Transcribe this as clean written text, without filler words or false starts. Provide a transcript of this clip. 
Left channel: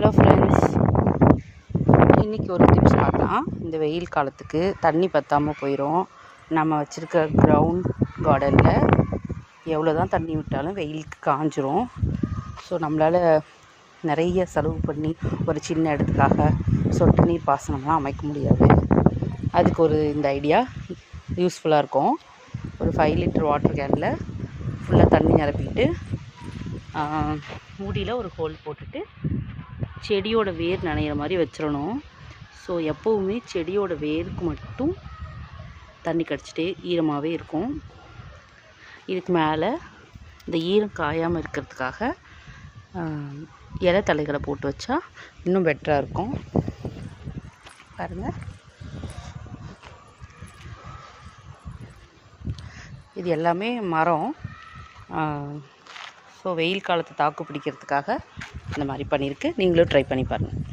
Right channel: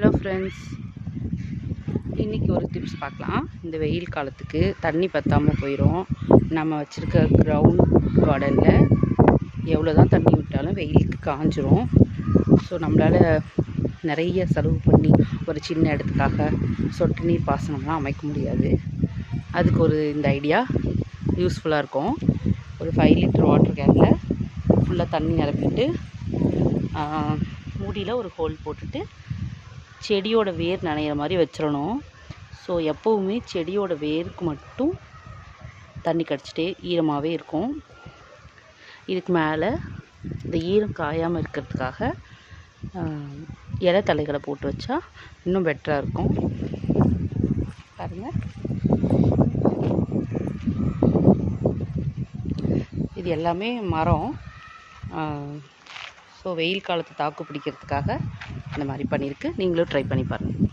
Hello friends, இன்றைக்கி ஒரு tips பார்க்கலாம். இந்த வெயில் காலத்துக்கு தண்ணி பற்றாமல் போயிடும். நம்ம வச்சுருக்க கிரவுண்ட் கார்டனில் எவ்வளோ தான் தண்ணி விட்டாலும் வெயிலுக்கு காஞ்சிரும். ஸோ நம்மளால் நிறைய செலவு பண்ணி ஒரு சின்ன இடத்துக்காக சொட்டு நீர் பாசனம்லாம் அமைக்க முடியாது. அதுக்கு இந்த ஐடியா யூஸ்ஃபுல்லாக இருக்கும். ஒரு 5 லிட்டர் வாட்டர் கேனில் ஃபுல்லாக தண்ணி நிரப்பிட்டு மூடியில் ஒரு ஹோல் போட்டுட்டு செடியோட வேர் நனைகிற மாதிரி வச்சிடணும். ஸோ எப்போவுமே செடியோட வேருக்கு மட்டும் தண்ணி கடிச்சிட்டே ஈரமாகவே இருக்கும். இதுக்கு மேலே இந்த ஈரம் காயாமல் இருக்கிறதுக்காக இலை தழைகளை போட்டு வச்சா இன்னும் பெட்டராக இருக்கும். பாருங்கள், இது எல்லாமே மரம். ஸோ வெயில் காலத்தை தாக்கு பிடிக்கிறதுக்காக இந்த மாதிரி பண்ணியிருக்கு. நீங்களும் ட்ரை பண்ணி பாருங்கள்.